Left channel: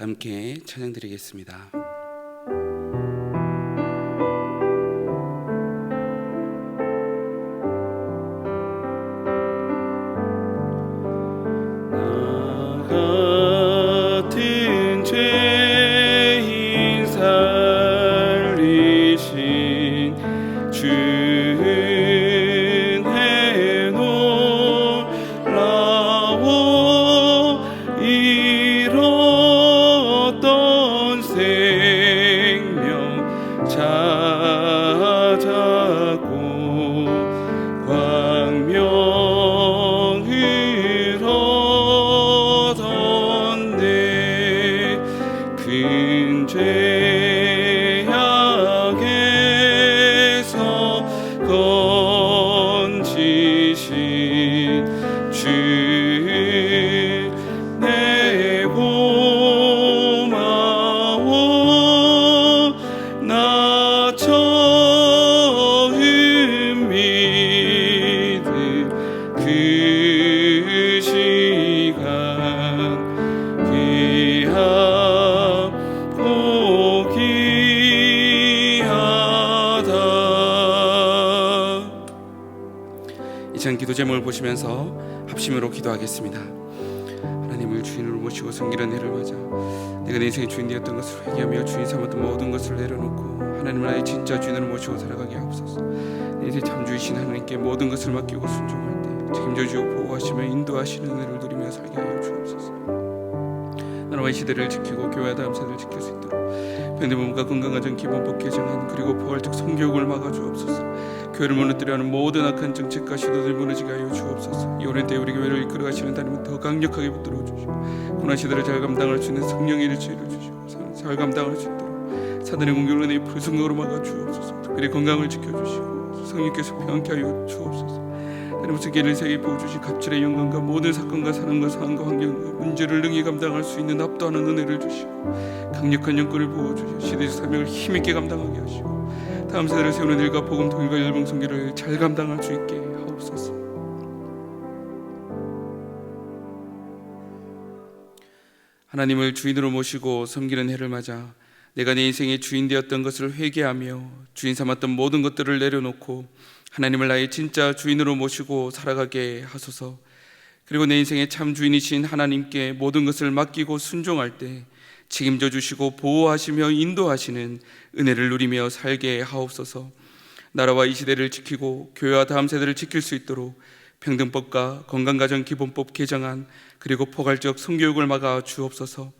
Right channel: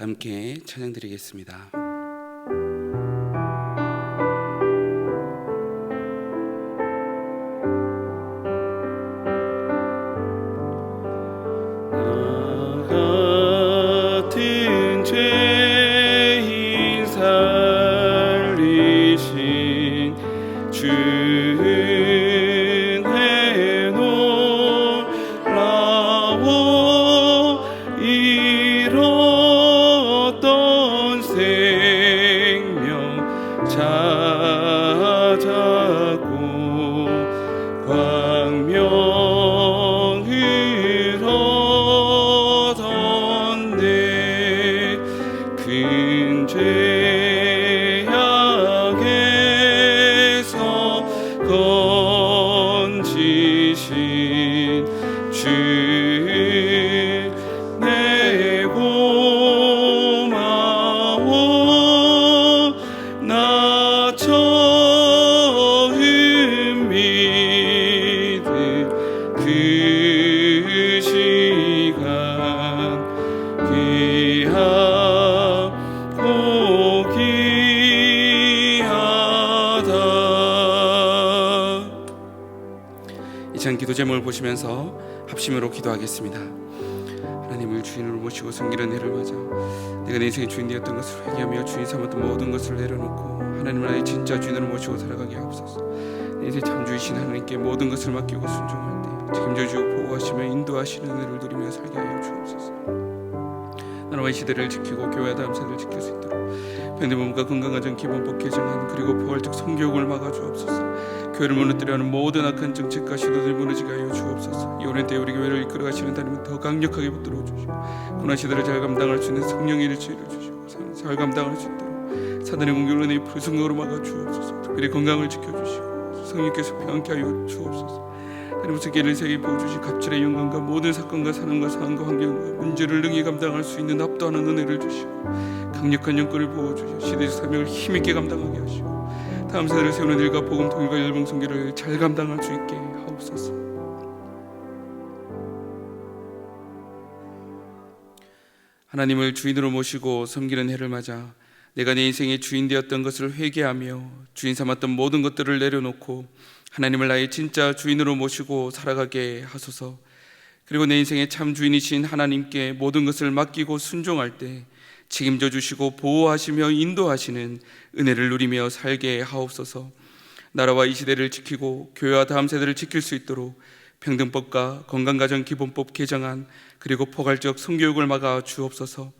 함께 찬양드리겠습니다. 같은 죄인 살리신 주은혜 놀라워 잃었던 생명 찾았고 광명을 얻었네. 큰 죄악에서 건지신 주 내 고마워. 나 처음 믿은 그 시간 귀하고 귀하다. 이 시간 기도 제목을 보시면서 합심으로 기도하겠습니다. 하나님을 주인으로 모시고 섬기는 해를 맞아 내가 내 인생의 주인 되었던 것을 회개하며 주인 삼았던 모든 것을 내려놓고 하나님을 나의 진짜 주인으로 모시고 살아가게 하옵소서. 내 인생 참 주이신 하나님께 모든 것을 맡기고 순종할 때 책임져 주고 보호하시며 인도하시는 은혜를 누리며 살게 하여 주옵소서. 나라와 이 시대를 지키고 교회와 다음 세대를 지킬 수 있도록 병든 몸과 건강한 전 기본법 개정안 그리고 포괄적 성교육을 막아 주옵소서. 교회를 무너뜨려 하는 모든 악한 정책과 시도들 무너지게 하여 주옵소서. 이 오랜 때 우리 교회를 이끌어 가시는 하나님은 더 강력하게 붙들어 주시고 고난 시대를 잘 감당할 수 있는 성령의 일치를 주시고 잘 감당할 수 있도록 사단의 공격을 은혜의 불성각으로 막아 주옵소서. 특별히 건강을 지켜주시고 성령께서 평안케 하여 주옵소서. 하나님 세계를 세계 보여주신 갑질의 영광과 모든 사건과 사람과 상황과 환경과 문제를 능히 감당할 수 있는 압도하는 은혜를 주시고 강력한 영권을 부어주시고 시대의 사명을 힘있게 감당하게 하시고 다음 세대를 세우는 일과 복음 통일과 열방 선교를 잘 감당할 수 있게 하옵소서. 하나님을 주인으로 모시고 섬기는 해를 맞아 내가 내 인생의 주인 되었던 것을 회개하며 주인 삼았던 모든 것들을 내려놓고 하나님을 나의 진짜 주인으로 모시고 살아가게 하소서. 그리고 내 인생의 참 주인이신 하나님께 모든 것을 맡기고 순종할 때 책임져 주시고 보호하시며 인도하시는 은혜를 누리며 살게 하옵소서. 나라와 이 시대를 지키고 교회와 다음 세대를 지킬 수 있도록 평등법과 건강가정기본법 개정안, 그리고 포괄적 성교육을 막아 주옵소서.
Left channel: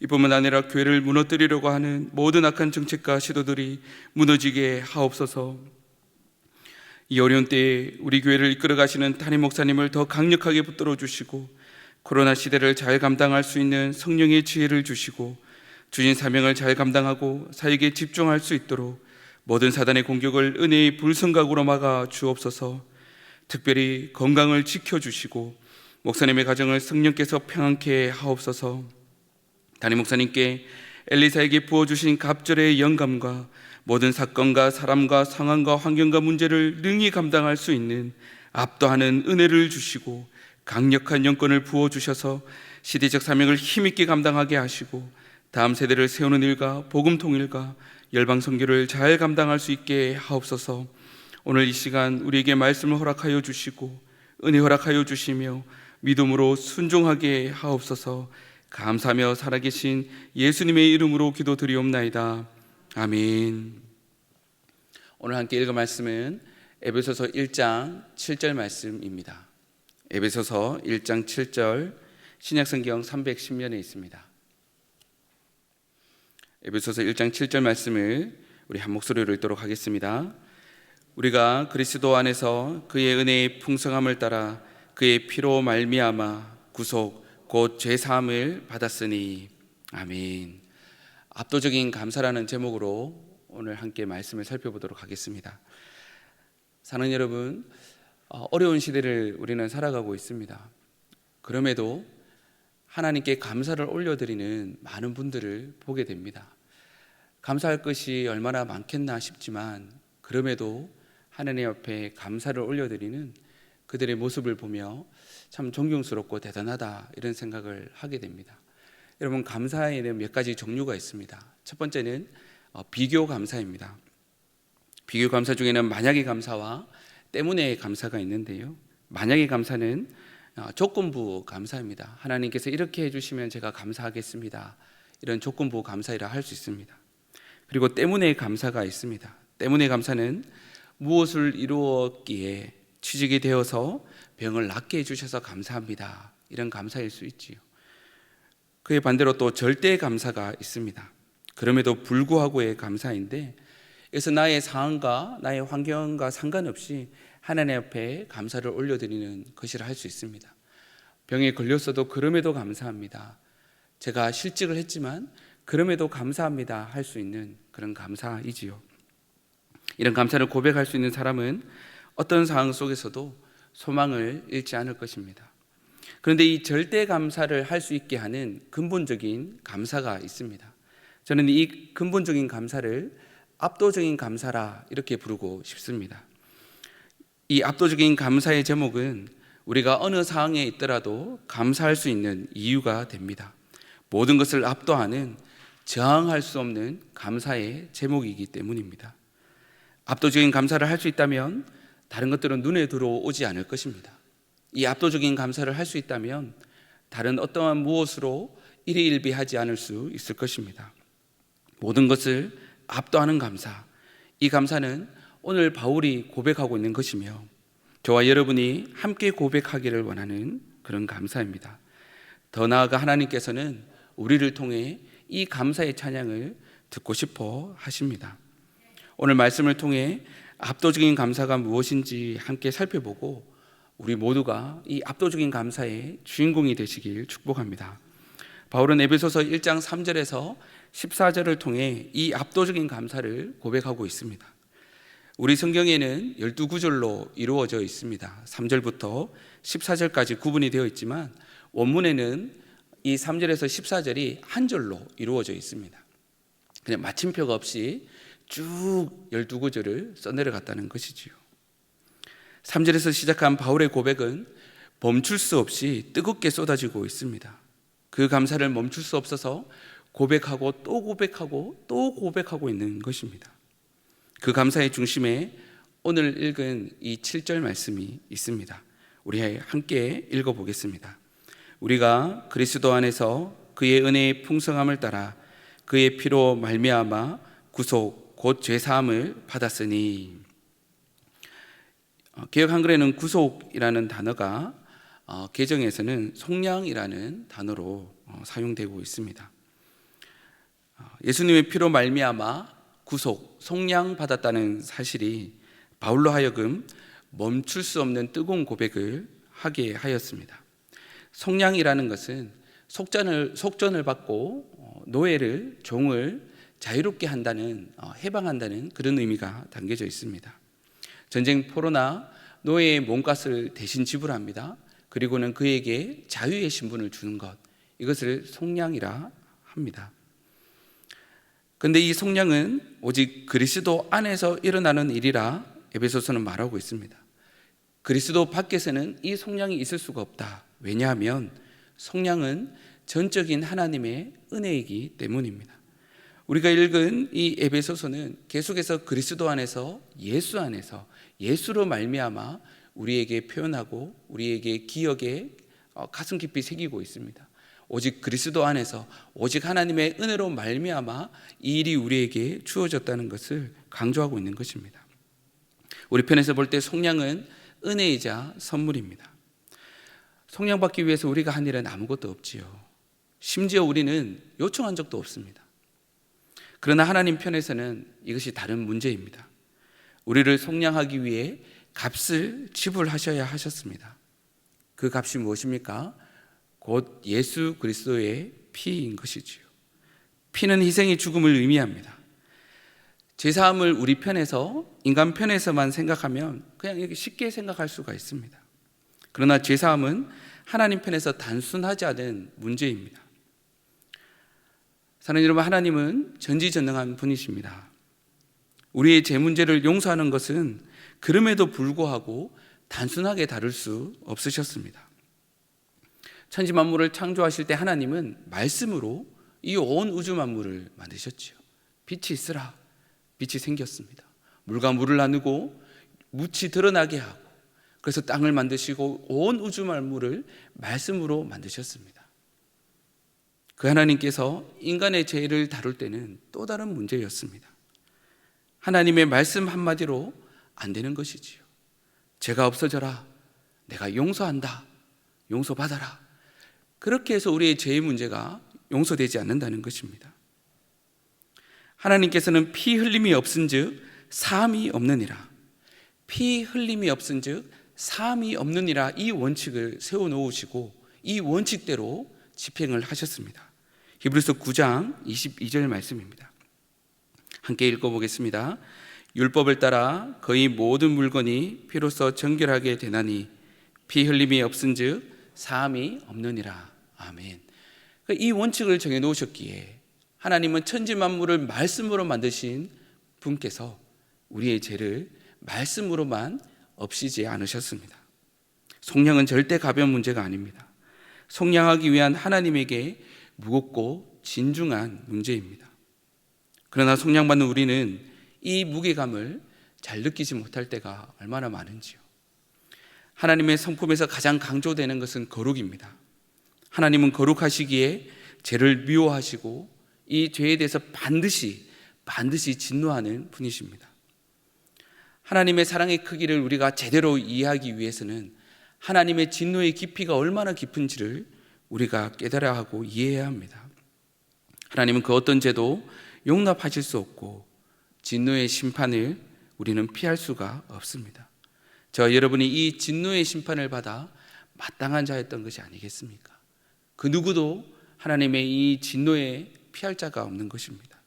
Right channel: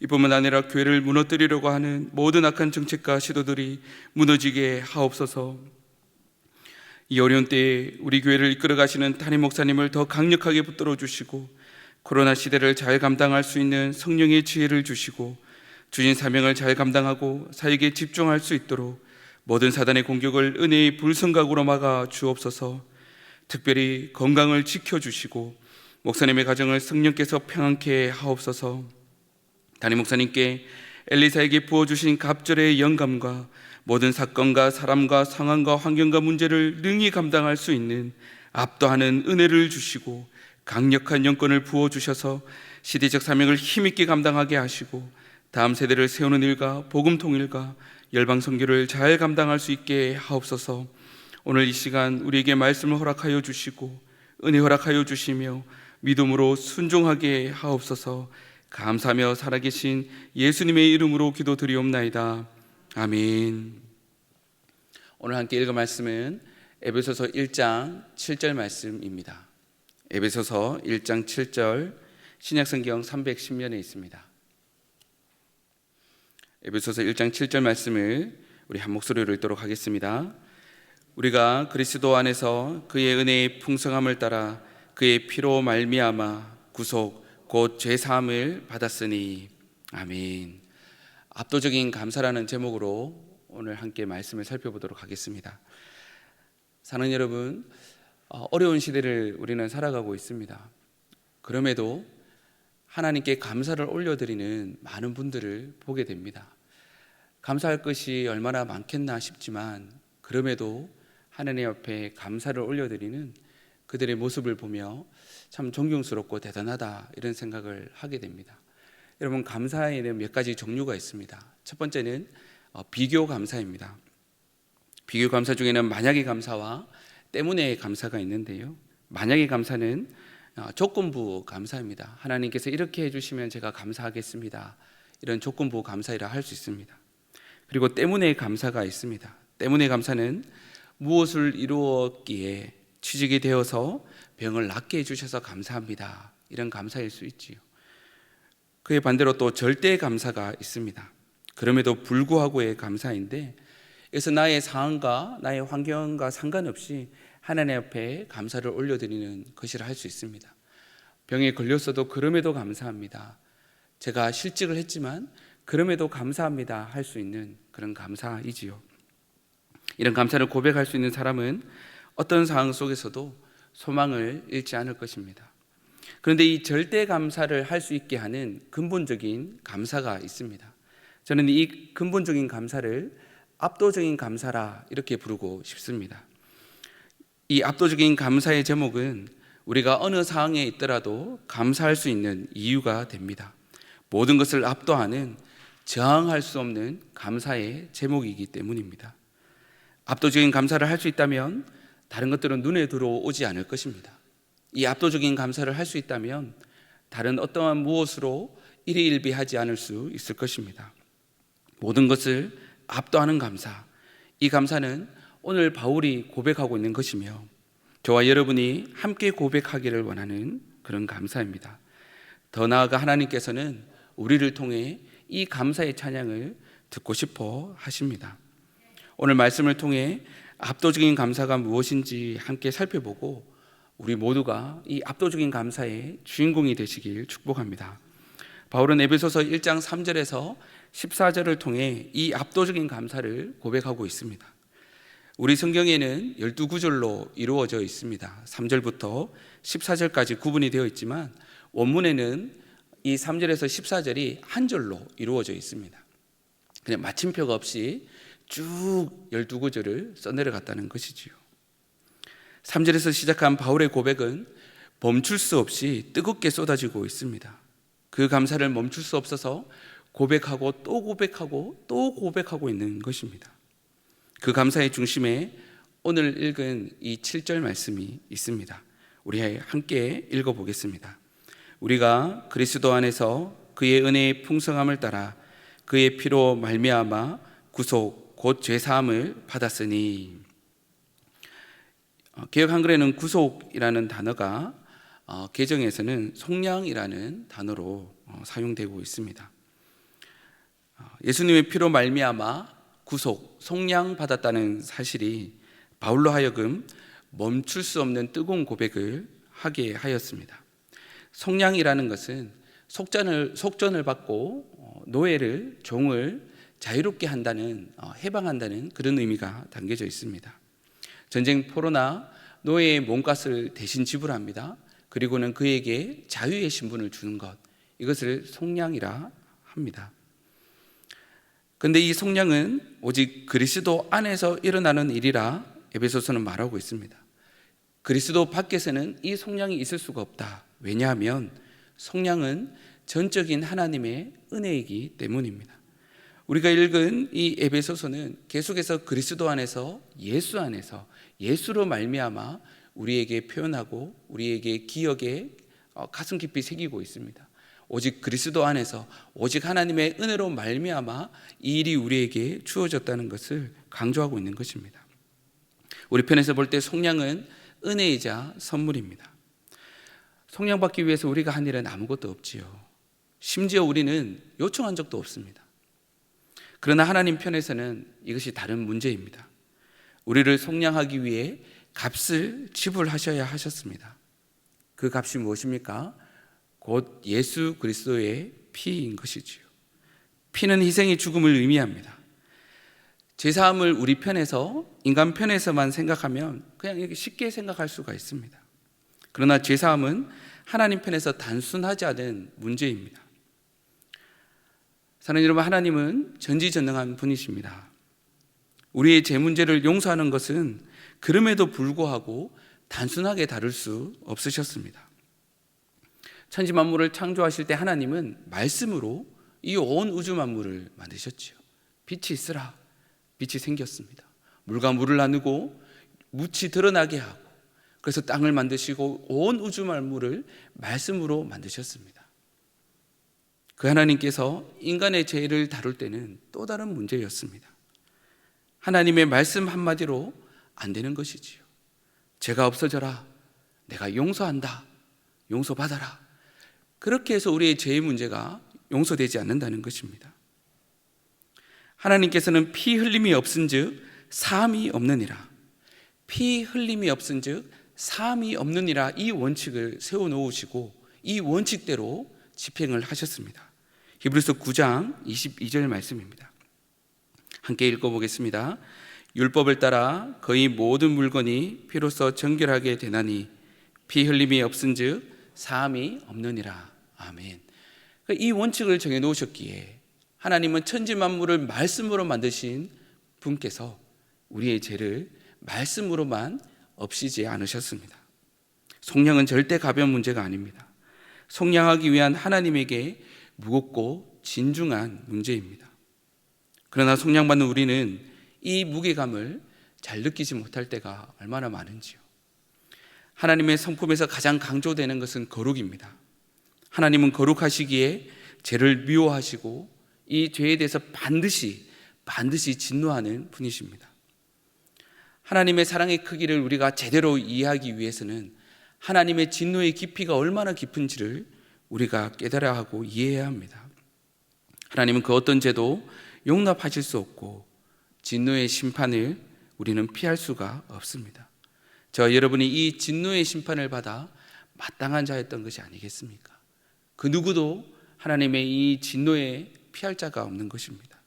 이뿐만 아니라 교회를 무너뜨리려고 하는 모든 악한 정책과 시도들이 무너지게 하옵소서. 이 어려운 때에 우리 교회를 이끌어 가시는 담임 목사님을 더 강력하게 붙들어 주시고, 코로나 시대를 잘 감당할 수 있는 성령의 지혜를 주시고, 주신 사명을 잘 감당하고 사역에 집중할 수 있도록 모든 사단의 공격을 은혜의 불성각으로 막아 주옵소서. 특별히 건강을 지켜주시고 목사님의 가정을 성령께서 평안케 하옵소서. 담임 목사님께 엘리사에게 부어주신 갑절의 영감과 모든 사건과 사람과 상황과 환경과 문제를 능히 감당할 수 있는 압도하는 은혜를 주시고 강력한 영권을 부어주셔서 시대적 사명을 힘있게 감당하게 하시고 다음 세대를 세우는 일과 복음 통일과 열방 선교를 잘 감당할 수 있게 하옵소서. 오늘 이 시간 우리에게 말씀을 허락하여 주시고 은혜 허락하여 주시며 믿음으로 순종하게 하옵소서. 감사하며 살아계신 예수님의 이름으로 기도드리옵나이다. 아멘. 오늘 함께 읽을 말씀은 에베소서 1장 7절 말씀입니다. 에베소서 1장 7절, 신약성경 310면에 있습니다. 에베소서 1장 7절 말씀을 우리 한 목소리로 읽도록 하겠습니다. 우리가 그리스도 안에서 그의 은혜의 풍성함을 따라 그의 피로 말미암아 구속 곧 죄사함을 받았으니. 아멘. 압도적인 감사라는 제목으로 오늘 함께 말씀을 살펴보도록 하겠습니다. 사는 여러분, 어려운 시대를 우리는 살아가고 있습니다. 그럼에도 하나님께 감사를 올려드리는 많은 분들을 보게 됩니다. 감사할 것이 얼마나 많겠나 싶지만 그럼에도 하나님 앞에 감사를 올려드리는 그들의 모습을 보며 참 존경스럽고 대단하다, 이런 생각을 하게 됩니다. 여러분, 감사에는 몇 가지 종류가 있습니다. 첫 번째는 비교 감사입니다. 비교 감사 중에는 만약의 감사와 때문에 감사가 있는데요, 만약의 감사는 조건부 감사입니다. 하나님께서 이렇게 해주시면 제가 감사하겠습니다, 이런 조건부 감사이라 할 수 있습니다. 그리고 때문에 감사가 있습니다. 때문에 감사는 무엇을 이루었기에 취직이 되어서 병을 낫게 해주셔서 감사합니다, 이런 감사일 수 있지요. 그에 반대로 또 절대 감사가 있습니다. 그럼에도 불구하고의 감사인데, 그래서 나의 상황과 나의 환경과 상관없이 하나님 앞에 감사를 올려드리는 것이라 할 수 있습니다. 병에 걸렸어도 그럼에도 감사합니다, 제가 실직을 했지만 그럼에도 감사합니다 할 수 있는 그런 감사이지요. 이런 감사를 고백할 수 있는 사람은 어떤 상황 속에서도 소망을 잃지 않을 것입니다. 그런데 이 절대 감사를 할 수 있게 하는 근본적인 감사가 있습니다. 저는 이 근본적인 감사를 압도적인 감사라 이렇게 부르고 싶습니다. 이 압도적인 감사의 제목은 우리가 어느 상황에 있더라도 감사할 수 있는 이유가 됩니다. 모든 것을 압도하는, 저항할 수 없는 감사의 제목이기 때문입니다. 압도적인 감사를 할 수 있다면 다른 것들은 눈에 들어오지 않을 것입니다. 이 압도적인 감사를 할 수 있다면 다른 어떠한 무엇으로 일희일비하지 않을 수 있을 것입니다. 모든 것을 압도하는 감사, 이 감사는 오늘 바울이 고백하고 있는 것이며 저와 여러분이 함께 고백하기를 원하는 그런 감사입니다. 더 나아가 하나님께서는 우리를 통해 이 감사의 찬양을 듣고 싶어 하십니다. 오늘 말씀을 통해 압도적인 감사가 무엇인지 함께 살펴보고 우리 모두가 이 압도적인 감사의 주인공이 되시길 축복합니다. 바울은 에베소서 1장 3절에서 14절을 통해 이 압도적인 감사를 고백하고 있습니다. 우리 성경에는 12구절로 이루어져 있습니다. 3절부터 14절까지 구분이 되어 있지만 원문에는 이 3절에서 14절이 한 절로 이루어져 있습니다. 그냥 마침표가 없이 쭉 12구절을 써내려갔다는 것이지요. 3절에서 시작한 바울의 고백은 멈출 수 없이 뜨겁게 쏟아지고 있습니다. 그 감사를 멈출 수 없어서 고백하고 또 고백하고 또 고백하고 있는 것입니다. 그 감사의 중심에 오늘 읽은 이 7절 말씀이 있습니다. 우리 함께 읽어보겠습니다. 우리가 그리스도 안에서 그의 은혜의 풍성함을 따라 그의 피로 말미암아 구속 곧 죄사함을 받았으니. 개역 한글에는 구속이라는 단어가 개정에서는 속량이라는 단어로 사용되고 있습니다. 예수님의 피로 말미암아 구속, 속량받았다는 사실이 바울로 하여금 멈출 수 없는 뜨거운 고백을 하게 하였습니다. 속량이라는 것은 속전을 받고 노예를, 종을 자유롭게 한다는, 해방한다는 그런 의미가 담겨져 있습니다. 전쟁 포로나 노예의 몸값을 대신 지불합니다. 그리고는 그에게 자유의 신분을 주는 것, 이것을 속량이라 합니다. 그런데 이 속량은 오직 그리스도 안에서 일어나는 일이라 에베소서는 말하고 있습니다. 그리스도 밖에서는 이 속량이 있을 수가 없다. 왜냐하면 속량은 전적인 하나님의 은혜이기 때문입니다. 우리가 읽은 이 에베소서는 계속해서 그리스도 안에서, 예수 안에서, 예수로 말미암아 우리에게 표현하고 우리에게 기억에 가슴 깊이 새기고 있습니다. 오직 그리스도 안에서, 오직 하나님의 은혜로 말미암아 이 일이 우리에게 주어졌다는 것을 강조하고 있는 것입니다. 우리 편에서 볼 때 속량은 은혜이자 선물입니다. 속량받기 위해서 우리가 한 일은 아무것도 없지요. 심지어 우리는 요청한 적도 없습니다. 그러나 하나님 편에서는 이것이 다른 문제입니다. 우리를 속량하기 위해 값을 지불하셔야 하셨습니다. 그 값이 무엇입니까? 곧 예수 그리스도의 피인 것이지요. 피는 희생의 죽음을 의미합니다. 제사함을 우리 편에서, 인간 편에서만 생각하면 그냥 이렇게 쉽게 생각할 수가 있습니다. 그러나 제사함은 하나님 편에서 단순하지 않은 문제입니다. 사랑하는 여러분, 하나님은 전지전능한 분이십니다. 우리의 죄 문제를 용서하는 것은 그럼에도 불구하고 단순하게 다룰 수 없으셨습니다. 천지 만물을 창조하실 때 하나님은 말씀으로 이 온 우주 만물을 만드셨지요. 빛이 있으라, 빛이 생겼습니다. 물과 물을 나누고 묻이 드러나게 하고, 그래서 땅을 만드시고 온 우주 만물을 말씀으로 만드셨습니다. 그 하나님께서 인간의 죄를 다룰 때는 또 다른 문제였습니다. 하나님의 말씀 한마디로 안 되는 것이지요. 죄가 없어져라, 내가 용서한다, 용서받아라. 그렇게 해서 우리의 죄의 문제가 용서되지 않는다는 것입니다. 하나님께서는 피 흘림이 없은즉 사함이 없느니라, 피 흘림이 없은즉 사함이 없느니라, 이 원칙을 세워놓으시고 이 원칙대로 집행을 하셨습니다. 히브리서 9장 22절 말씀입니다. 함께 읽어보겠습니다. 율법을 따라 거의 모든 물건이 피로써 정결하게 되나니 피 흘림이 없은즉 사함이 없느니라. 아멘. 이 원칙을 정해놓으셨기에 하나님은 천지 만물을 말씀으로 만드신 분께서 우리의 죄를 말씀으로만 없이지 않으셨습니다. 속량은 절대 가벼운 문제가 아닙니다. 속량하기 위한 하나님에게 무겁고 진중한 문제입니다. 그러나 속량받는 우리는 이 무게감을 잘 느끼지 못할 때가 얼마나 많은지요. 하나님의 성품에서 가장 강조되는 것은 거룩입니다. 하나님은 거룩하시기에 죄를 미워하시고 이 죄에 대해서 반드시 진노하는 분이십니다. 하나님의 사랑의 크기를 우리가 제대로 이해하기 위해서는 하나님의 진노의 깊이가 얼마나 깊은지를 우리가 깨달아야 하고 이해해야 합니다. 하나님은 그 어떤 죄도 용납하실 수 없고 진노의 심판을 우리는 피할 수가 없습니다. 저와 여러분이 이 진노의 심판을 받아 마땅한 자였던 것이 아니겠습니까? 그 누구도 하나님의 이 진노에 피할 자가 없는 것입니다.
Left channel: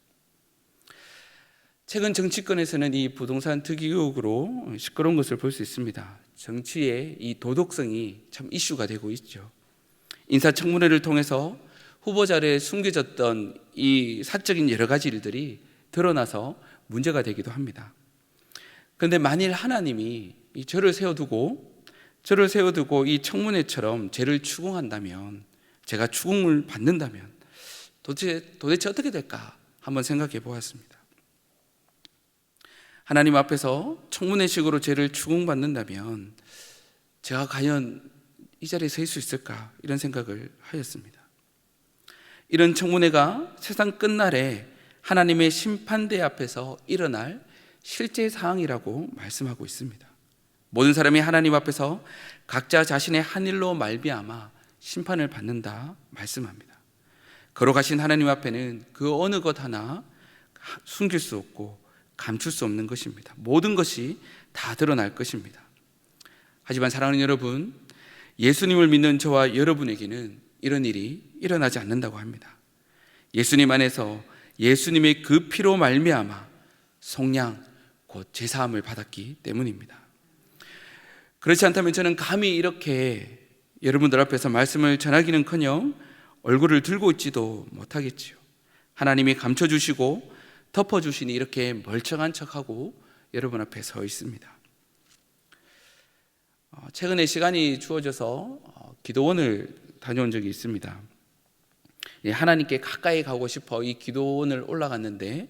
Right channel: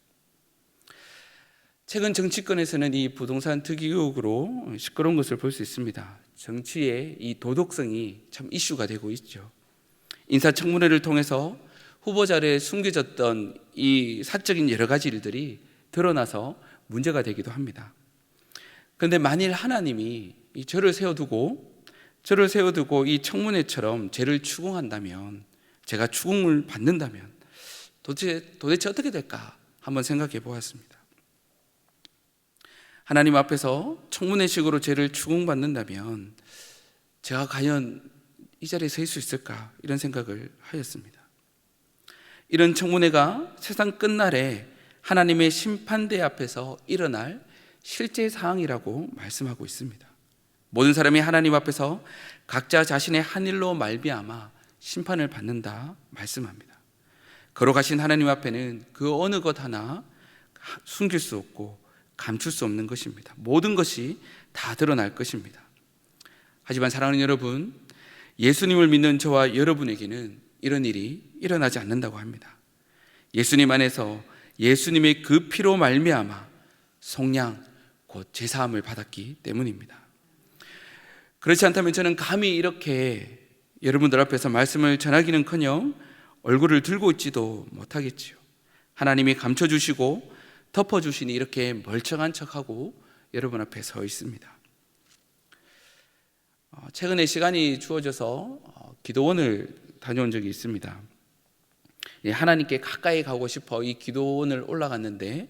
최근 정치권에서는 이 부동산 투기 의혹으로 시끄러운 것을 볼 수 있습니다. 정치의 이 도덕성이 참 이슈가 되고 있죠. 인사청문회를 통해서 후보자를 숨겨졌던 이 사적인 여러 가지 일들이 드러나서 문제가 되기도 합니다. 그런데 만일 하나님이 이 저를 세워두고 이 청문회처럼 죄를 추궁한다면, 제가 추궁을 받는다면 도대체 어떻게 될까 한번 생각해 보았습니다. 하나님 앞에서 청문회식으로 죄를 추궁받는다면 제가 과연 이 자리에 서 있을 수 있을까 이런 생각을 하였습니다. 이런 청문회가 세상 끝날에 하나님의 심판대 앞에서 일어날 실제 사항이라고 말씀하고 있습니다. 모든 사람이 하나님 앞에서 각자 자신의 한 일로 말미암아 심판을 받는다 말씀합니다. 거룩하신 하나님 앞에는 그 어느 것 하나 숨길 수 없고 감출 수 없는 것입니다. 모든 것이 다 드러날 것입니다. 하지만 사랑하는 여러분, 예수님을 믿는 저와 여러분에게는 이런 일이 일어나지 않는다고 합니다. 예수님 안에서 예수님의 그 피로 말미암아 속량 곧 제사함을 받았기 때문입니다. 그렇지 않다면 저는 감히 이렇게 여러분들 앞에서 말씀을 전하기는커녕 얼굴을 들고 있지도 못하겠지요. 하나님이 감춰주시고 덮어주시니 이렇게 멀쩡한 척하고 여러분 앞에 서 있습니다. 최근에 시간이 주어져서 기도원을 다녀온 적이 있습니다. 하나님께 가까이 가고 싶어 이 기도원을 올라갔는데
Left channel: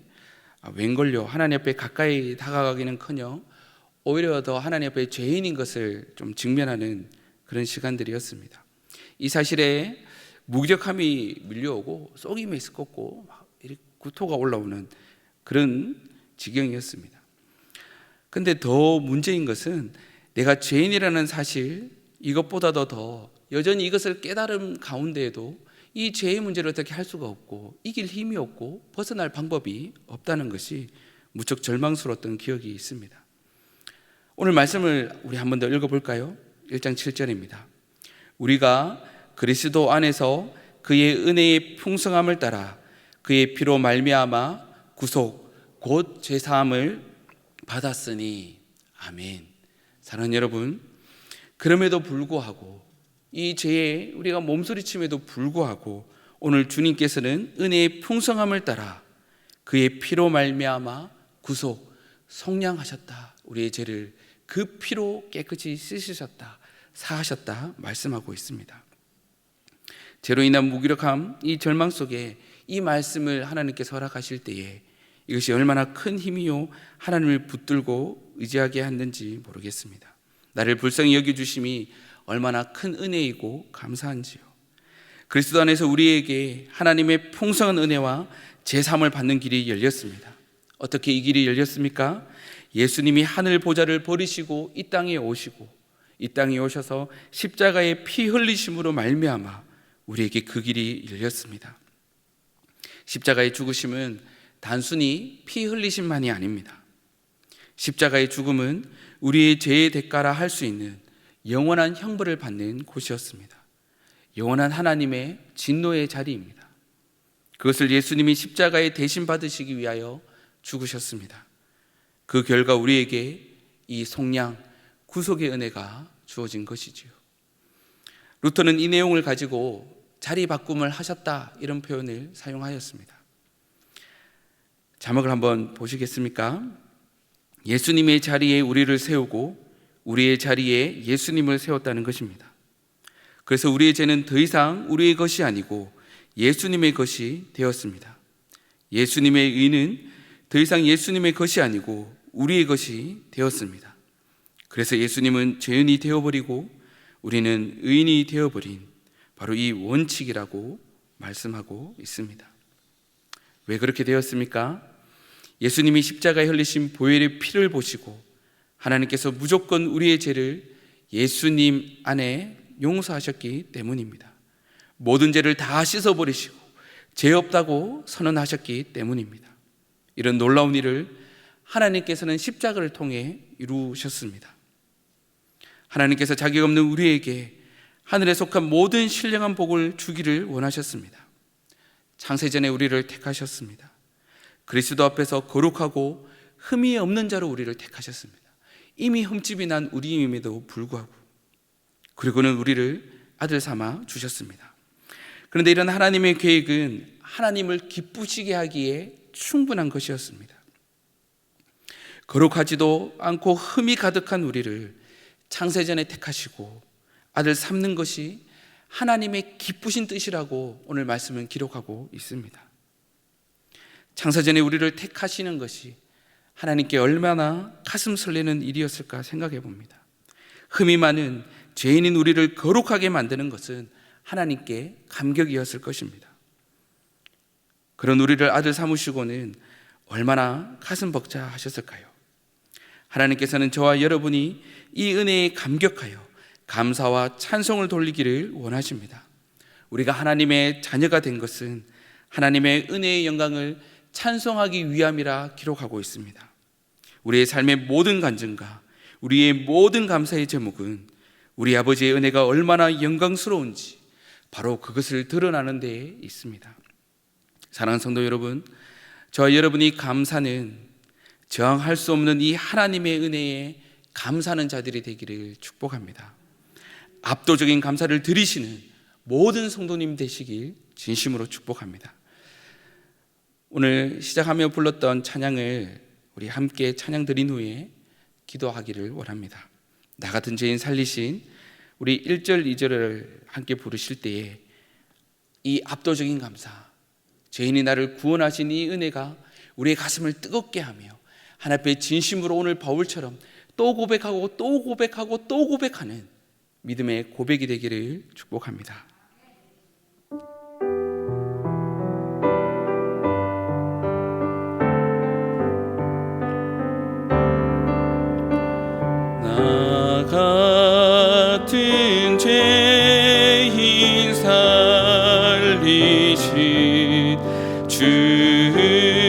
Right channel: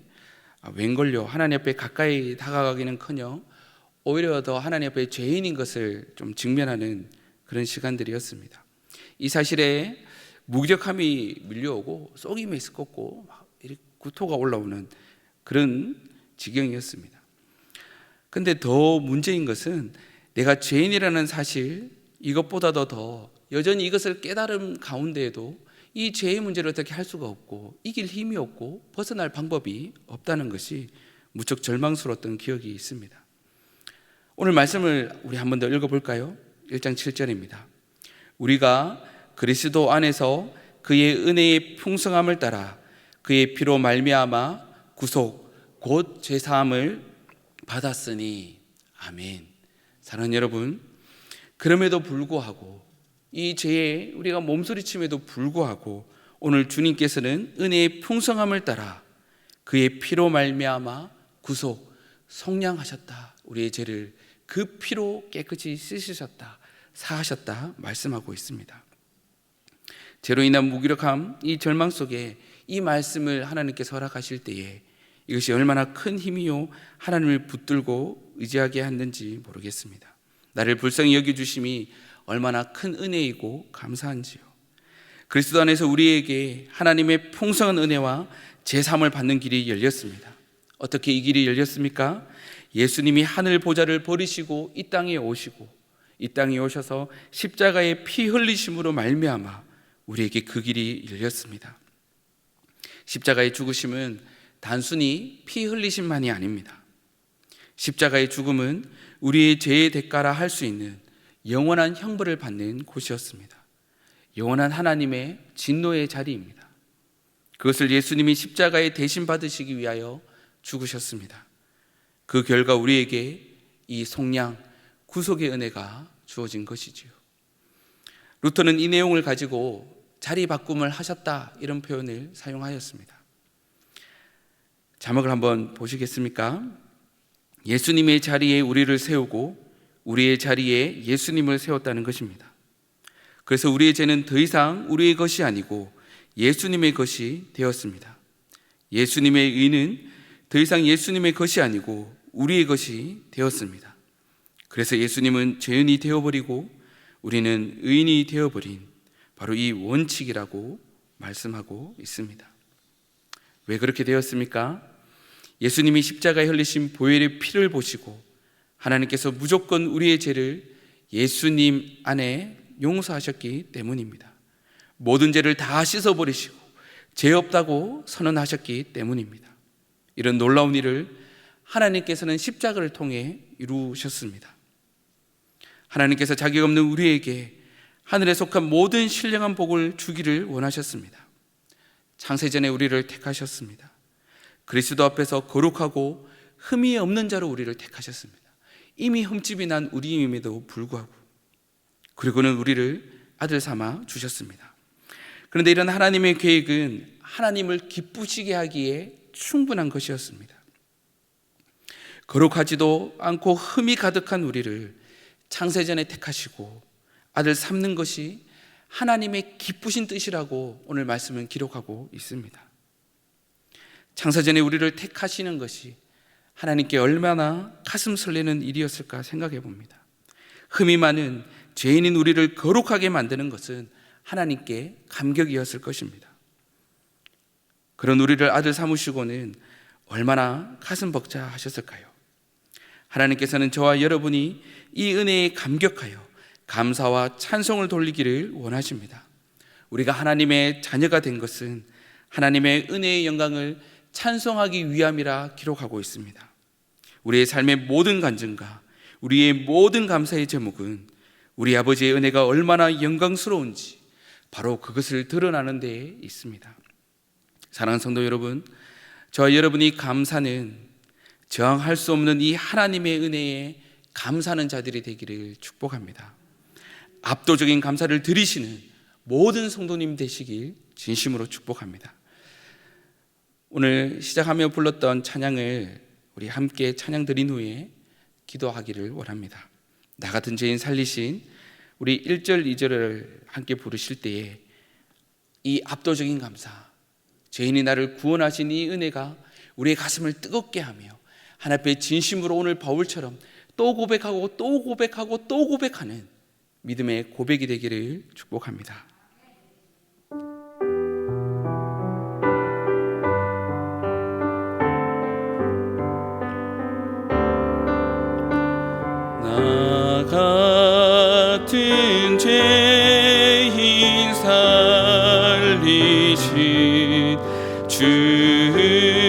웬걸요, 하나님 앞에 가까이 다가가기는커녕 오히려 더 하나님 앞에 죄인인 것을 좀 직면하는 그런 시간들이었습니다. 이 사실에 무기력함이 밀려오고 속이 메스껍고 구토가 올라오는 그런 지경이었습니다. 근데 더 문제인 것은 내가 죄인이라는 사실, 이것보다도 더 여전히 이것을 깨달음 가운데에도 이 죄의 문제를 어떻게 할 수가 없고 이길 힘이 없고 벗어날 방법이 없다는 것이 무척 절망스러웠던 기억이 있습니다. 오늘 말씀을 우리 한 번 더 읽어볼까요? 1장 7절입니다. 우리가 그리스도 안에서 그의 은혜의 풍성함을 따라 그의 피로 말미암아 구속 곧 죄사함을 받았으니 아멘. 사랑하는 여러분, 그럼에도 불구하고 이 죄에 우리가 몸소리침에도 불구하고 오늘 주님께서는 은혜의 풍성함을 따라 그의 피로 말미암아 구속 속량하셨다. 우리의 죄를 그 피로 깨끗이 씻으셨다, 사하셨다 말씀하고 있습니다. 죄로 인한 무기력함, 이 절망 속에 이 말씀을 하나님께서 허락하실 때에 이것이 얼마나 큰 힘이요 하나님을 붙들고 의지하게 했는지 모르겠습니다. 나를 불쌍히 여겨주심이 얼마나 큰 은혜이고 감사한지요. 그리스도 안에서 우리에게 하나님의 풍성한 은혜와 제사함을 받는 길이 열렸습니다. 어떻게 이 길이 열렸습니까? 예수님이 하늘 보좌를 버리시고 이 땅에 오시고 이 땅에 오셔서 십자가의 피 흘리심으로 말미암아 우리에게 그 길이 열렸습니다. 십자가의 죽으심은 단순히 피 흘리심만이 아닙니다. 십자가의 죽음은 우리의 죄의 대가라 할 수 있는 영원한 형벌을 받는 곳이었습니다. 영원한 하나님의 진노의 자리입니다. 그것을 예수님이 십자가에 대신 받으시기 위하여 죽으셨습니다. 그 결과 우리에게 이 속량, 구속의 은혜가 주어진 것이지요. 루터는 이 내용을 가지고 자리 바꿈을 하셨다 이런 표현을 사용하였습니다. 자막을 한번 보시겠습니까? 예수님의 자리에 우리를 세우고 우리의 자리에 예수님을 세웠다는 것입니다. 그래서 우리의 죄는 더 이상 우리의 것이 아니고 예수님의 것이 되었습니다. 예수님의 의는 더 이상 예수님의 것이 아니고 우리의 것이 되었습니다. 그래서 예수님은 죄인이 되어버리고 우리는 의인이 되어버린 바로 이 원칙이라고 말씀하고 있습니다. 왜 그렇게 되었습니까? 예수님이 십자가에 흘리신 보혈의 피를 보시고 하나님께서 무조건 우리의 죄를 예수님 안에 용서하셨기 때문입니다. 모든 죄를 다 씻어버리시고 죄 없다고 선언하셨기 때문입니다. 이런 놀라운 일을 하나님께서는 십자가를 통해 이루셨습니다. 하나님께서 자격 없는 우리에게 하늘에 속한 모든 신령한 복을 주기를 원하셨습니다. 창세전에 우리를 택하셨습니다. 그리스도 앞에서 거룩하고 흠이 없는 자로 우리를 택하셨습니다. 이미 흠집이 난 우리임에도 불구하고, 그리고는 우리를 아들 삼아 주셨습니다. 그런데 이런 하나님의 계획은 하나님을 기쁘시게 하기에 충분한 것이었습니다. 거룩하지도 않고 흠이 가득한 우리를 창세전에 택하시고 아들 삼는 것이 하나님의 기쁘신 뜻이라고 오늘 말씀은 기록하고 있습니다. 창세전에 우리를 택하시는 것이 하나님께 얼마나 가슴 설레는 일이었을까 생각해 봅니다. 흠이 많은 죄인인 우리를 거룩하게 만드는 것은 하나님께 감격이었을 것입니다. 그런 우리를 아들 삼으시고는 얼마나 가슴 벅차하셨을까요? 하나님께서는 저와 여러분이 이 은혜에 감격하여 감사와 찬송을 돌리기를 원하십니다. 우리가 하나님의 자녀가 된 것은 하나님의 은혜의 영광을 찬송하기 위함이라 기록하고 있습니다. 우리의 삶의 모든 간증과 우리의 모든 감사의 제목은 우리 아버지의 은혜가 얼마나 영광스러운지 바로 그것을 드러나는 데에 있습니다. 사랑하는 성도 여러분, 저와 여러분이 감사는 저항할 수 없는 이 하나님의 은혜에 감사하는 자들이 되기를 축복합니다. 압도적인 감사를 드리시는 모든 성도님 되시길 진심으로 축복합니다. 오늘 시작하며 불렀던 찬양을 우리 함께 찬양 드린 후에 기도하기를 원합니다. 나 같은 죄인 살리신 우리 1절 2절을 함께 부르실 때에 이 압도적인 감사, 죄인이 나를 구원하신 이 은혜가 우리의 가슴을 뜨겁게 하며 하나님 앞에 진심으로 오늘 바울처럼 또 고백하고 또 고백하고 또 고백하는 믿음의 고백이 되기를 축복합니다. 나 같은 죄인 살리신 주의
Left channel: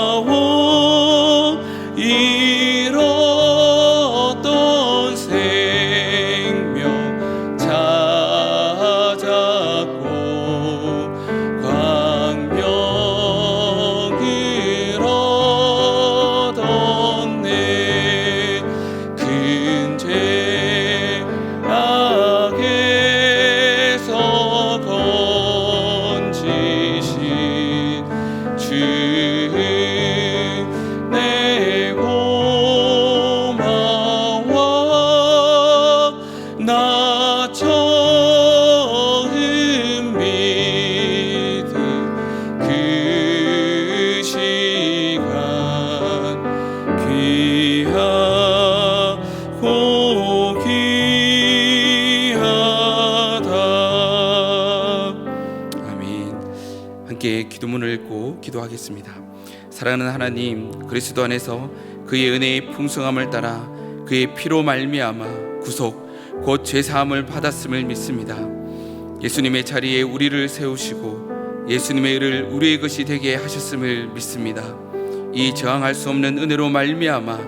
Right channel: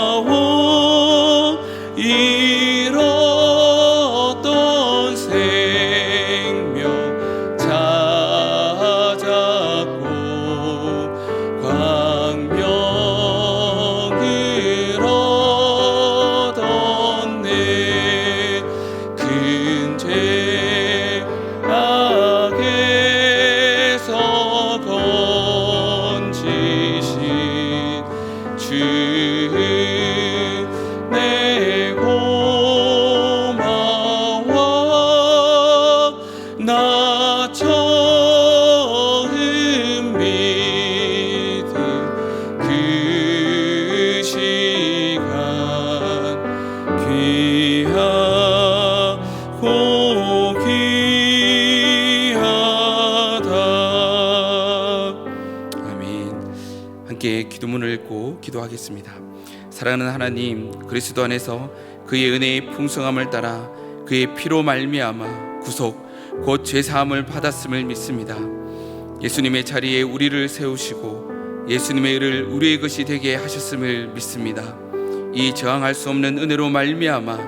놀라워 잃었던 생명 찾았고 광명을 얻었네. 큰 죄악에서 건지신 주 내 고마워. 나 처음 믿은 그 시간 귀하고 귀하다. 아멘. 함께 기도문을 읽고 기도하겠습니다. 사랑하는 하나님, 그리스도 안에서 그의 은혜의 풍성함을 따라 그의 피로 말미암아 구속 곧 죄사함을 받았음을 믿습니다. 예수님의 자리에 우리를 세우시고 예수님의 의를 우리의 것이 되게 하셨음을 믿습니다. 이 저항할 수 없는 은혜로 말미암아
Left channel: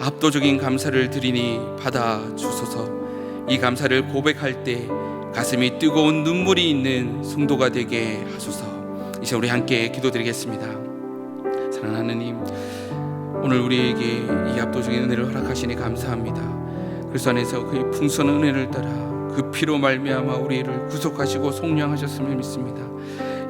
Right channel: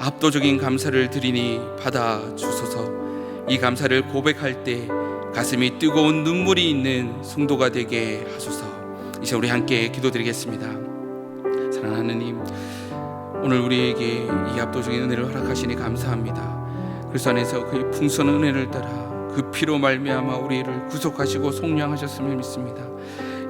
압도적인 감사를 드리니 받아 주소서. 이 감사를 고백할 때 가슴이 뜨거운 눈물이 있는 성도가 되게 하소서. 이제 우리 함께 기도드리겠습니다. 사랑하는 하나님, 오늘 우리에게 이 압도적인 은혜를 허락하시니 감사합니다. 그리스도 안에서 그의 풍성한 은혜를 따라 그 피로 말미암아 우리를 구속하시고 속량하셨음을 믿습니다.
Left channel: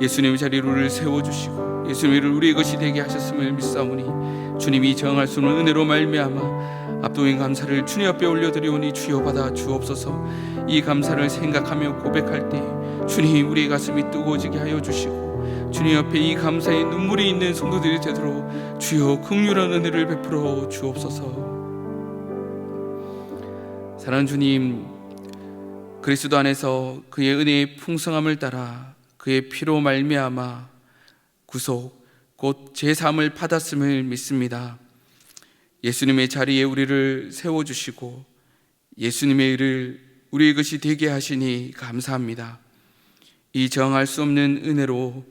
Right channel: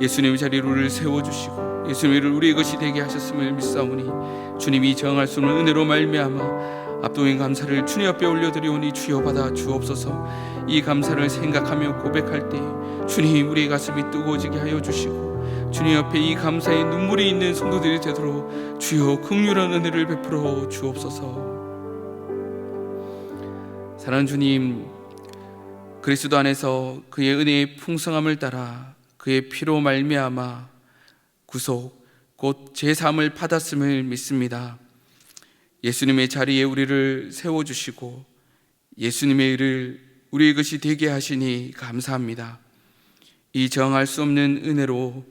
예수님의 자리로 우리를 세워주시고 예수님의 일을 우리의 것이 되게 하셨음을 믿사오니 주님이 정할 수 없는 은혜로 말미암아 압도적인 감사를 주님 앞에 올려드리오니 주여 받아 주옵소서. 이 감사를 생각하며 고백할 때 주님 우리의 가슴이 뜨거워지게 하여 주시고 주님 앞에 이 감사의 눈물이 있는 성도들이 되도록 주여 긍휼한 은혜를 베풀어 주옵소서. 사랑하는 주님, 그리스도 안에서 그의 은혜의 풍성함을 따라 그의 피로 말미암아 구속 곧 제사함을 받았음을 믿습니다. 예수님의 자리에 우리를 세워주시고 예수님의 일을 우리의 것이 되게 하시니 감사합니다. 이 정할 수 없는 은혜로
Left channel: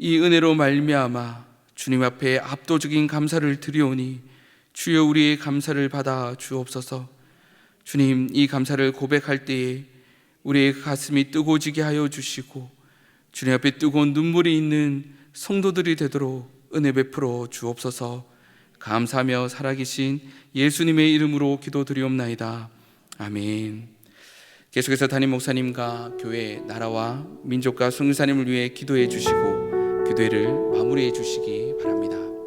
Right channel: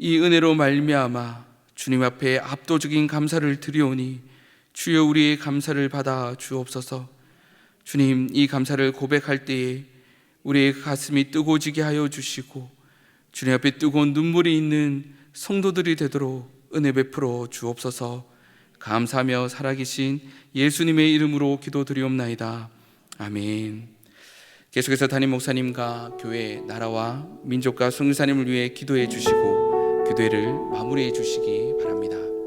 이 은혜로 말미암아 주님 앞에 압도적인 감사를 드리오니 주여 우리의 감사를 받아 주옵소서. 주님, 이 감사를 고백할 때에 우리의 가슴이 뜨거워지게 하여 주시고 주님 앞에 뜨거운 눈물이 있는 성도들이 되도록 은혜 베풀어 주옵소서. 감사하며 살아계신 예수님의 이름으로 기도드리옵나이다. 아멘. 계속해서 담임 목사님과 교회, 나라와 민족과 성교사님을 위해 기도해 주시고 기도회를 마무리해 주시기 바랍니다.